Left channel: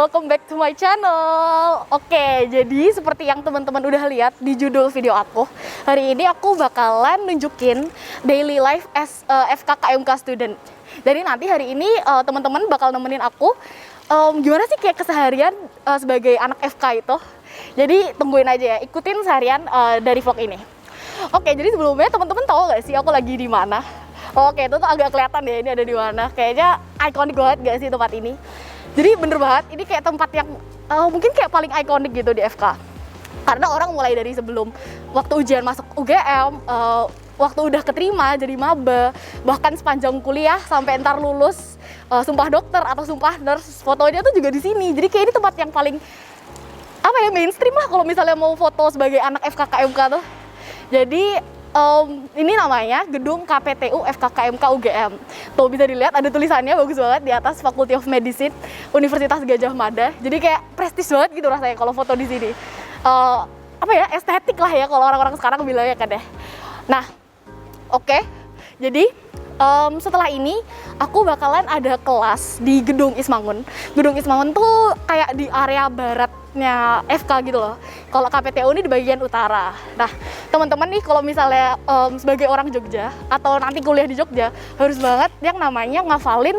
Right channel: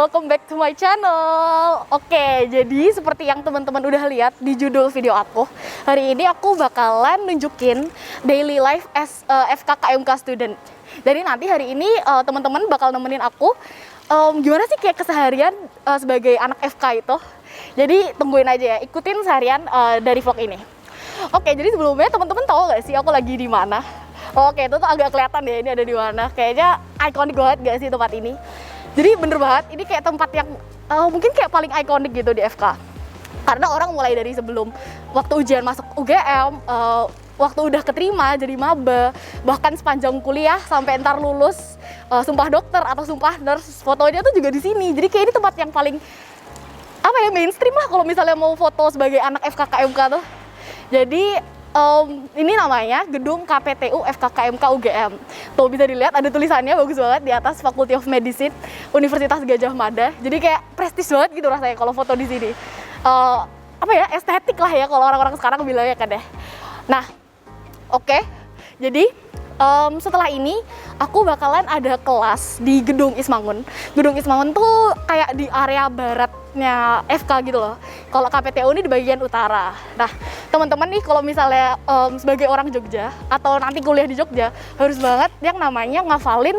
welcome back to my channel. Oke, jadi seperti yang teman-teman udah lihat di judul video aku, hari ini aku bakalan nunjukin daily life as FKKMK student. Jadi nanti hari ini teman-teman bakal nemenin aku gimana sih kayak keseharian sebagai anak FK itu. Jadi tungguin aja ya, ikutin seharian dari vlog ini. Oke, jadi sebelumnya teman-teman tahu gak sih aku lagi di mana? Oke, itu tuh agak kelihatan ya ini ada di mana. Kayaknya ikonik banget gak sih tempat ini? Jadi bener banget, ini kayak tempat yang mungkin kayak paling ikonik gitu di FK. Karena orang mulai dari sebelum waktu ujian masuk UGM, waktu udah keterima jadi maba, bahkan sepanjang kuliah sampai ntar lulus sumpah dokter atau sumpah nurse, fotonya tuh juga di sini. Jadi kayak ini tempat yang paling apa ya, mainstream lah kalau misalnya mau foto sebagai anak FKKMK tuh. Jadi ini namanya Gedung KPTU FKKMK UGM. Tuh bisa dilihat ada tulisannya bagus banget di atas Faculty of Medicine Universitas Gadjah Mada. Jadi kayak prestis banget gitu rasanya kalau foto di sini. Apa ya, estetik lah ya kalau orang-orang sekarang bilangnya kan deh. Nah, oke. Jadi setelah ini aku bakalan ada kelas di Gedung Ismangun. Gedung Ismangun tuh kayak di area baratnya FK gitu loh. Kalau KPTU ini di bagian utara. Nah, teman-teman nih kalau misalnya sebagai orang Jogja atau nanti kuliah di Jogja, harus banget yang namanya ngafalin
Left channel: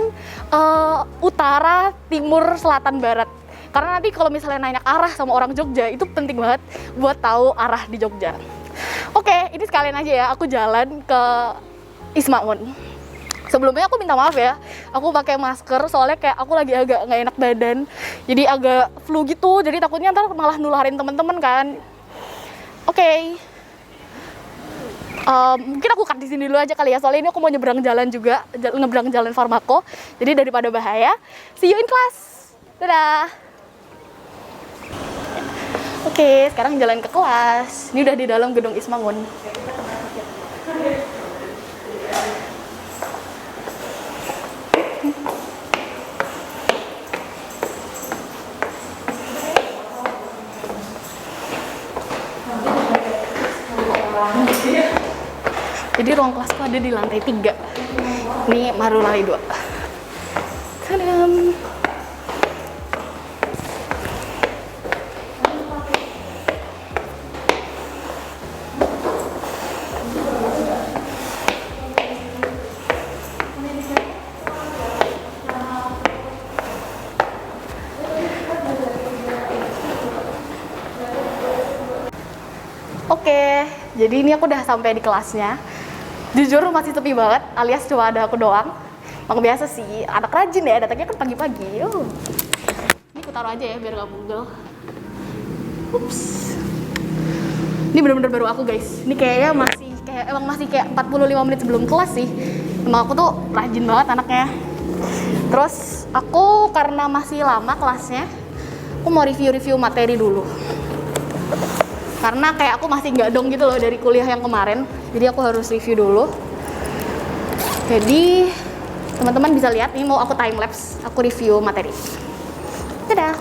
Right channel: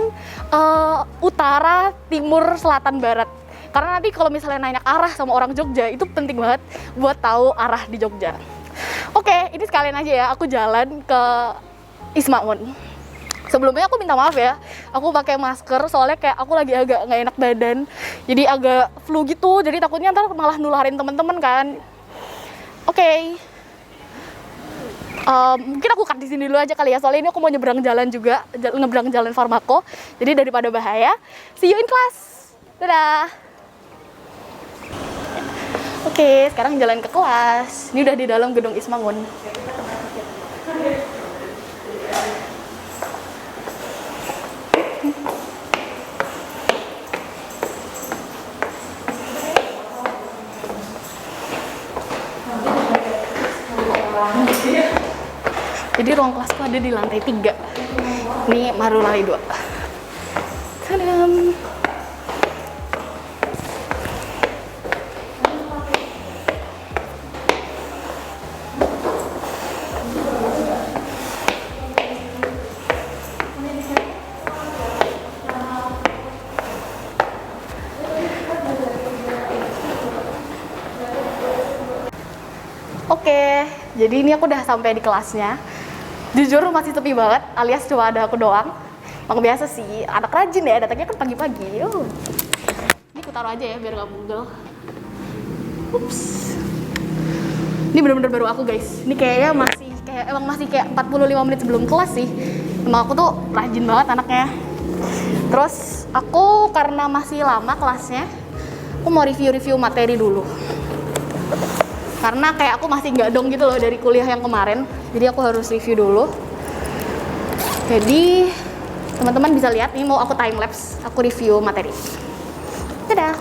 utara, timur, selatan, barat. Karena nanti kalau misalnya nanya arah sama orang Jogja, itu penting banget buat tahu arah di Jogja. Oke, ini sekalian aja ya, aku jalan ke Ismangun. Sebelumnya aku minta maaf ya, aku pakai masker soalnya kayak aku lagi agak nggak enak badan, jadi agak flu gitu, jadi takutnya ntar malah nularin teman-teman kan. Oke. Mungkin aku cut di sini dulu aja kali ya, soalnya ini aku mau nyebrang jalan juga, nyebrang jalan Farmako, jadi daripada bahaya, see you in class. Dadah. Oke, sekarang jalan ke kelas. Ini udah di dalam Gedung Ismangun. Jadi ruang kelasku ada di lantai 3. Ini baru lantai 2. Tadam. Oke, jadi ini aku udah sampai di kelasnya. Jujur masih sepi banget, alias cuma ada aku doang. Emang biasa sih, anak rajin ya, datangnya kan pagi-pagi. Ini aku taruh aja ya biar gak bugel. Ups. Ini bener-bener baru aku guys. Ini kayaknya masih kayak 45 menit sebelum kelas sih. Emang aku tuh rajin banget anaknya. Terus aku karena masih lama kelasnya, aku mau review-review materi dulu. Karena kayak aku masih nggak dong gitu loh dari kuliah yang kemarin, jadi aku harus review dulu. Jadi teman-teman bisa lihat nih, mau aku time lapse, aku review materi. Dadah.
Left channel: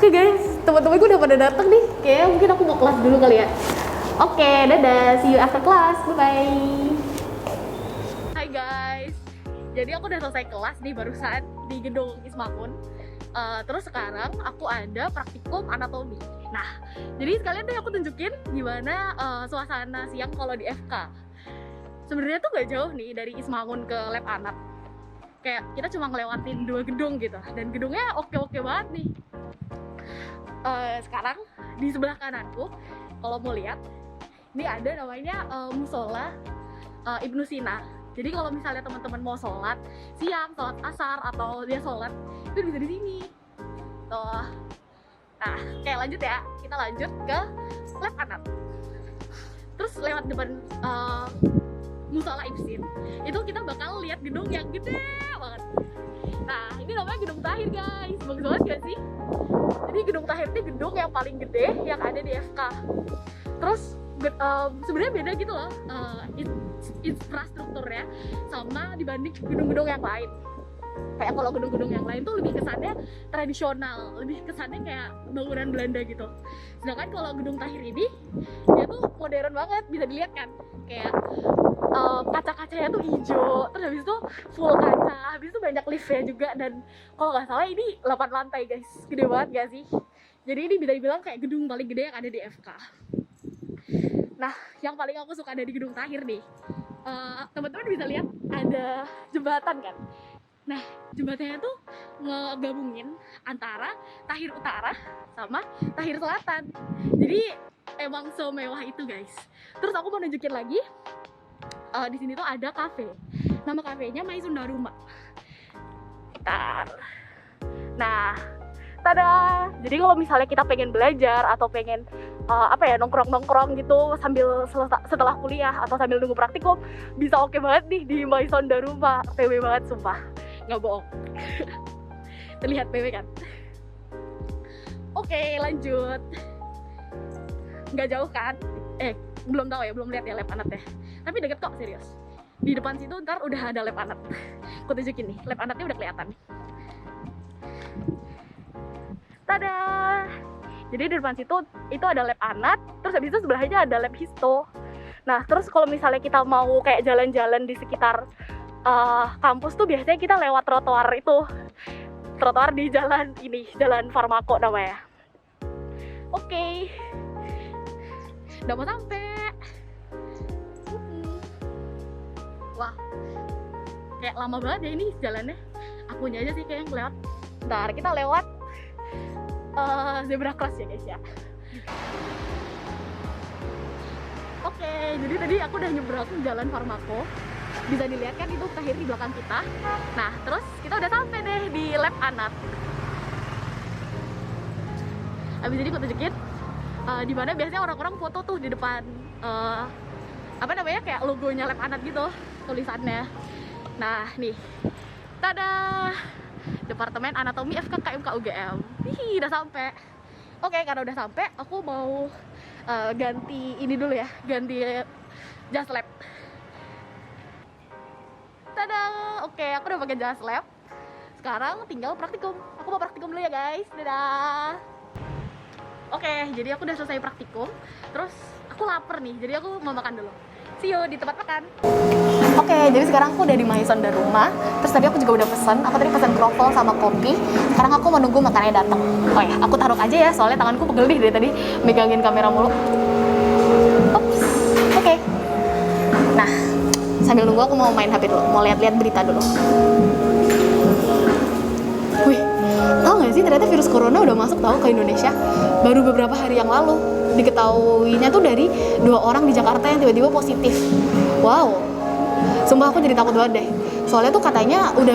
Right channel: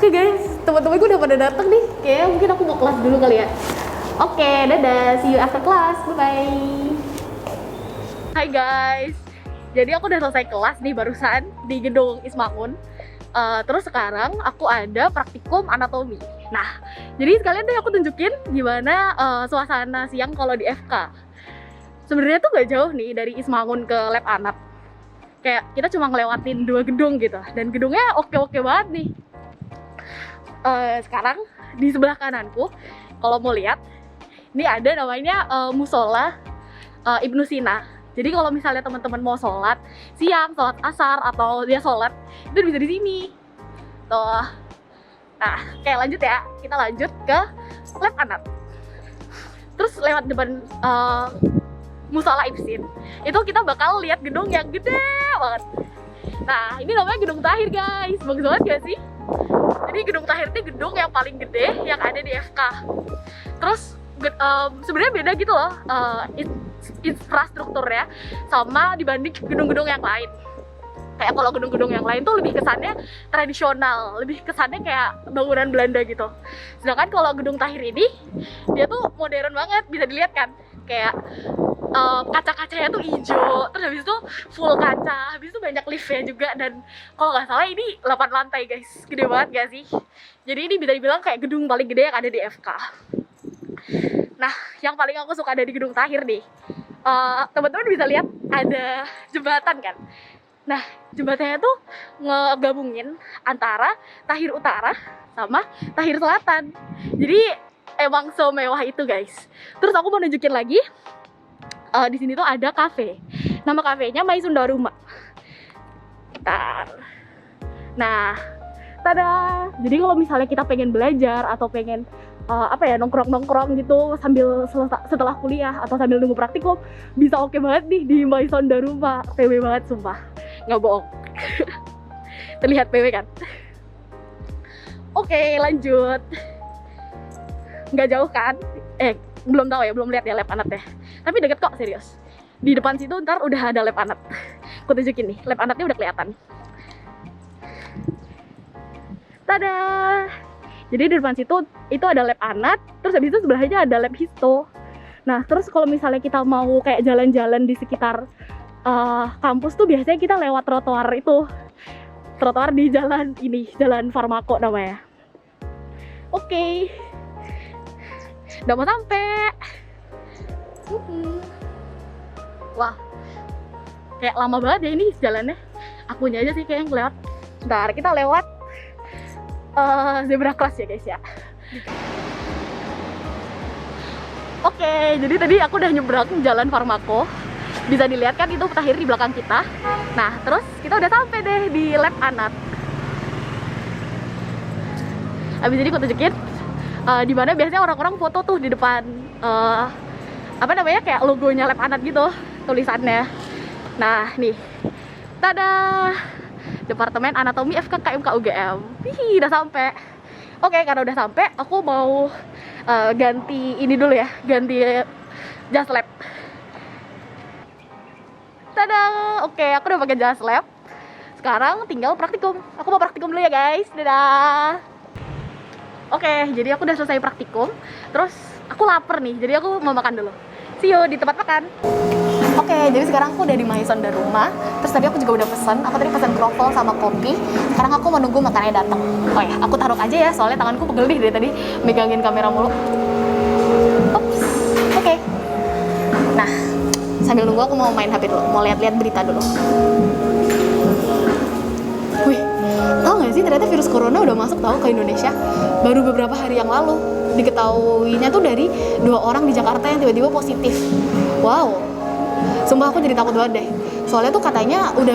Oke guys, teman-teman gue udah pada datang nih. Kayaknya mungkin aku mau kelas dulu kali ya. Oke, dadah, see you after class, bye-bye. Hai guys, jadi aku udah selesai kelas nih barusan di Gedung Ismangun. Terus sekarang aku ada praktikum anatomi. Nah, jadi sekalian deh aku tunjukin gimana suasana siang kalau di FK. Sebenarnya tuh gak jauh nih dari Ismangun ke lab anak. Kayak kita cuma ngelewatin 2 gedung gitu, dan gedungnya oke-oke banget nih. Sekarang di sebelah kananku, kalau mau lihat, Ini ada namanya musola Ibnu Sina. Jadi kalau misalnya teman-teman mau sholat siang, sholat asar atau dia sholat itu bisa di sini. Tuh. Nah, kayak lanjut ya. Kita lanjut ke lab anak. Terus lewat depan musola Ibsin, itu kita bakal lihat gedung yang gede banget. Nah, ini namanya Gedung Tahir, guys. Bagus banget gak sih? Jadi Gedung Tahir itu gedung yang paling gede yang ada di FK. Terus sebenarnya beda gitu loh infrastrukturnya sama dibanding gedung-gedung yang lain. Kayak kalau gedung-gedung yang lain tuh lebih kesannya tradisional, lebih kesannya kayak bangunan Belanda gitu. Sedangkan kalau Gedung Tahir ini, dia tuh modern banget, bisa dilihat kan? Kayak kaca-kacanya tuh hijau, terus habis itu full kaca, habis itu banyak liftnya juga, dan kalau nggak salah ini 8 lantai guys, gede banget gak sih? Jadi ini bisa dibilang kayak gedung paling gede yang ada di FK. Nah, yang paling aku suka dari Gedung Tahir nih, teman-teman bisa lihat ada jembatan kan? Nah, jembatannya tuh ngegabungin antara Tahir Utara sama Tahir Selatan. Jadi emang semewah itu guys. Terus aku mau nunjukin lagi, di sini tuh ada kafe. Nama kafenya Maisunda Rumah. Bentar. Nah, tada. Jadi kalau misalnya kita pengen belajar atau pengen nongkrong-nongkrong gitu sambil setelah kuliah atau sambil nunggu praktikum, bisa oke banget nih di Maisunda Rumah. PW banget sumpah, nggak bohong. Terlihat PW kan? Oke, lanjut. Nggak jauh kan? Belum tahu ya, belum lihat ya lab anak deh. Tapi deket kok, serius. Di depan situ ntar udah ada lab anak. Aku tunjukin nih, lab anaknya udah kelihatan. Tada! Jadi di depan situ itu ada lab anak, terus habis itu sebelahnya ada lab histo. Nah, terus kalau misalnya kita mau kayak jalan-jalan di sekitar kampus tuh biasanya kita lewat trotoar itu. Trotoar di jalan ini, Jalan Farmako namanya. Oke. Udah mau sampai. Wah, kayak lama banget ya ini jalannya. Akunya aja sih kayak yang lewat. Bentar, kita lewat zebra cross ya guys ya. Oke, jadi tadi aku udah nyebrang Jalan Farmako. Bisa dilihat kan itu Tahir di belakang kita. Nah, terus kita udah sampai deh di lab anak. Abis ini aku tunjukin di mana biasanya orang-orang foto tuh di depan kayak logonya lab anak gitu tulisannya. Nah, nih. Tada! Departemen Anatomi FKKMK UGM. Wih, udah sampai. Oke, karena udah sampai, aku mau ganti ini dulu ya, ganti jas lab. Tada! Oke, aku udah pakai jas lab. Sekarang tinggal praktikum. Aku mau praktikum dulu ya guys. Dadah. Oke, jadi aku udah selesai praktikum. Terus aku lapar nih, jadi aku mau makan dulu. See you di tempat makan. Oke, jadi sekarang aku udah di Maisunda Rumah. Terus tadi aku juga udah pesan. Aku tadi pesan kroffel sama kopi. Sekarang aku menunggu makanannya datang. Oh ya, aku taruh aja ya, soalnya tanganku pegel nih dari tadi megangin kamera mulu. Ops. Oke. Nah, sambil nunggu aku mau main HP dulu, mau lihat-lihat berita dulu. Wih, tau gak sih ternyata virus corona udah masuk tahu ke Indonesia baru beberapa hari yang lalu. Diketahuinya tuh dari 2 orang di Jakarta yang tiba-tiba positif. Wow, sumpah aku jadi takut banget deh. Soalnya tuh katanya udah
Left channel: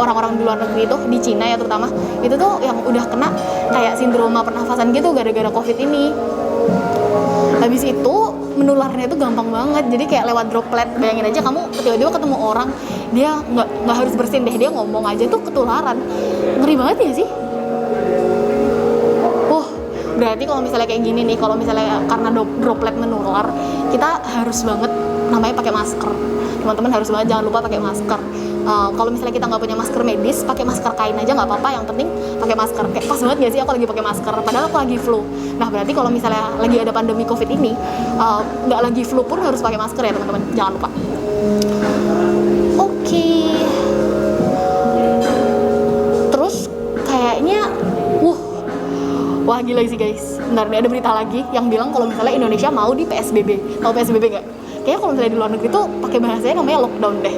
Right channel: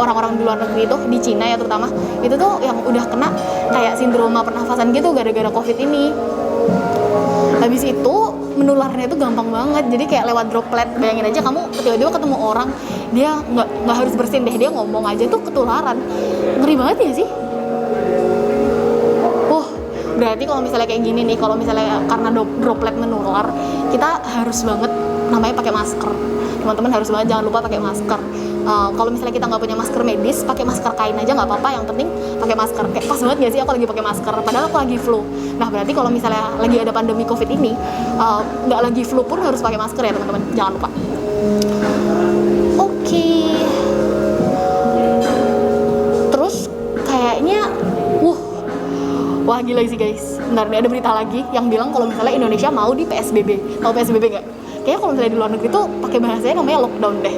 orang-orang di luar negeri tuh, di Cina ya terutama, itu tuh yang udah kena kayak sindroma pernafasan gitu gara-gara COVID ini. Habis itu menularnya itu gampang banget, jadi kayak lewat droplet. Bayangin aja kamu tiba-tiba ketemu orang, dia nggak harus bersin deh, dia ngomong aja tuh ketularan. Ngeri banget ya sih. Berarti kalau misalnya kayak gini nih, kalau misalnya karena droplet menular, kita harus banget namanya pakai masker. Teman-teman harus banget jangan lupa pakai masker. Kalau misalnya kita nggak punya masker medis, pakai masker kain aja nggak apa-apa. Yang penting pakai masker. Kayak pas banget nggak sih aku lagi pakai masker, padahal aku lagi flu. Nah berarti kalau misalnya lagi ada pandemi COVID ini, nggak lagi flu pun harus pakai masker ya teman-teman. Jangan lupa. Oke. Terus kayaknya, wah gila sih guys. Bentar nih, ada berita lagi yang bilang kalau misalnya Indonesia mau di PSBB. Tahu PSBB nggak? Kayaknya kalau misalnya di luar negeri tuh pakai bahasanya namanya lockdown deh.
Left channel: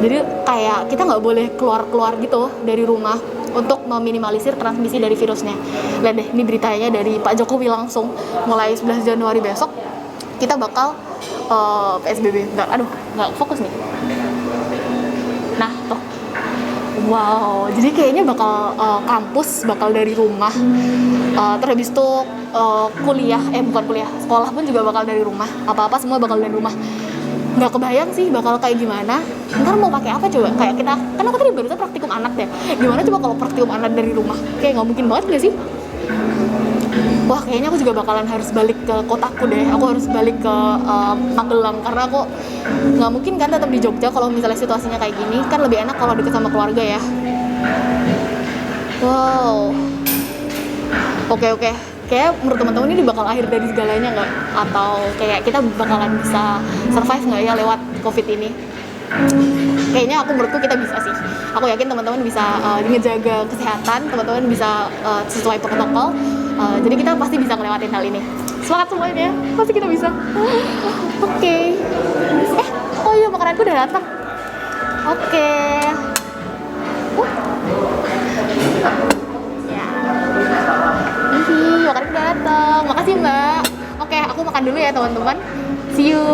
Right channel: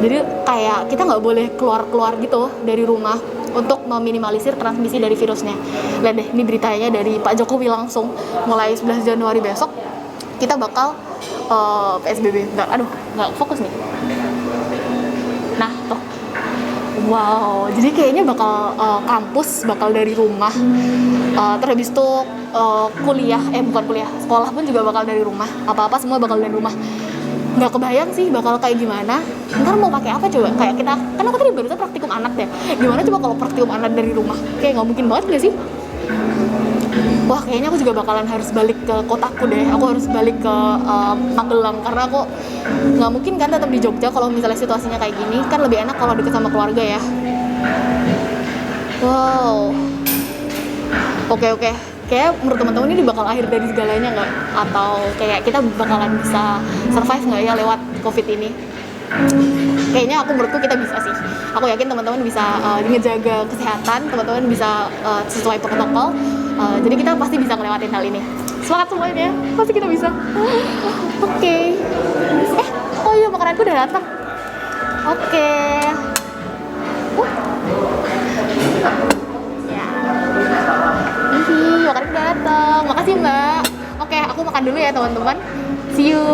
Jadi kayak kita nggak boleh keluar gitu dari rumah untuk meminimalisir transmisi dari virusnya. Lihat deh, ini beritanya dari Pak Jokowi langsung mulai 11 Januari besok kita bakal PSBB. Nggak fokus nih. Nah, tuh. Wow, jadi kayaknya bakal kampus bakal dari rumah. Terus habis itu bukan kuliah, sekolah pun juga bakal dari rumah. Apa-apa semua bakal dari rumah. Nggak kebayang sih bakal kayak gimana. Ntar mau pakai apa coba? Kayak kita, kan aku tadi barusan praktikum anak ya. Gimana coba kalau praktikum anak dari rumah? Kayak nggak mungkin banget nggak sih? Wah, kayaknya aku juga bakalan harus balik ke kotaku deh. Aku harus balik ke Magelang karena aku nggak mungkin kan tetap di Jogja kalau misalnya situasinya kayak gini. Kan lebih enak kalau deket sama keluarga ya. Wow. Oke. Kayak menurut teman-teman ini bakal akhir dari segalanya nggak? Atau kayak kita bakalan bisa survive nggak ya lewat COVID ini? Kayaknya menurutku kita bisa sih. Aku yakin teman-teman bisa ngejaga kesehatan, teman-teman bisa sesuai protokol. Jadi kita pasti bisa ngelewatin hal ini. Semangat semuanya, pasti kita bisa. Oke. Oh iya, makananku udah datang. Oke. Ya. Makananku udah datang. Makasih Mbak. Oke, aku makan dulu ya teman-teman. See you.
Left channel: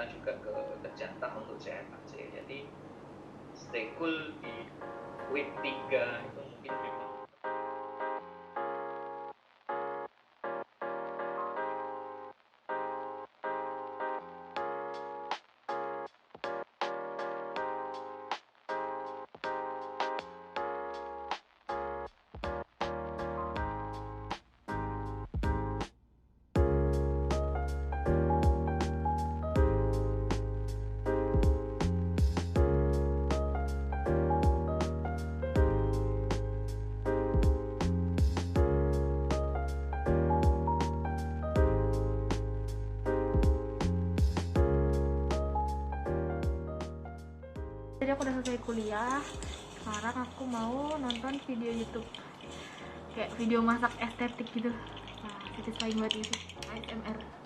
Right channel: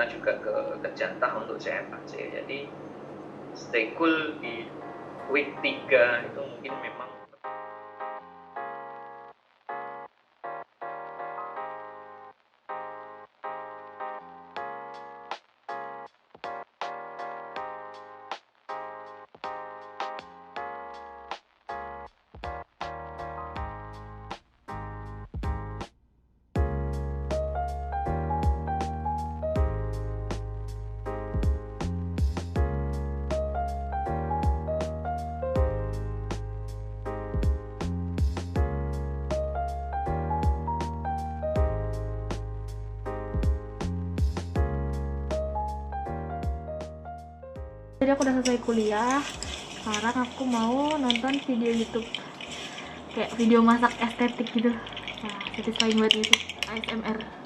kita juga ke jatah untuk CFAC. Jadi stay cool di week 3 itu mungkin memang Jadi aku udah selesai kuliah. Sekarang aku mau nonton video YouTube. kayak video masak estetik gitu. Nah, satisfying banget gitu ASMR.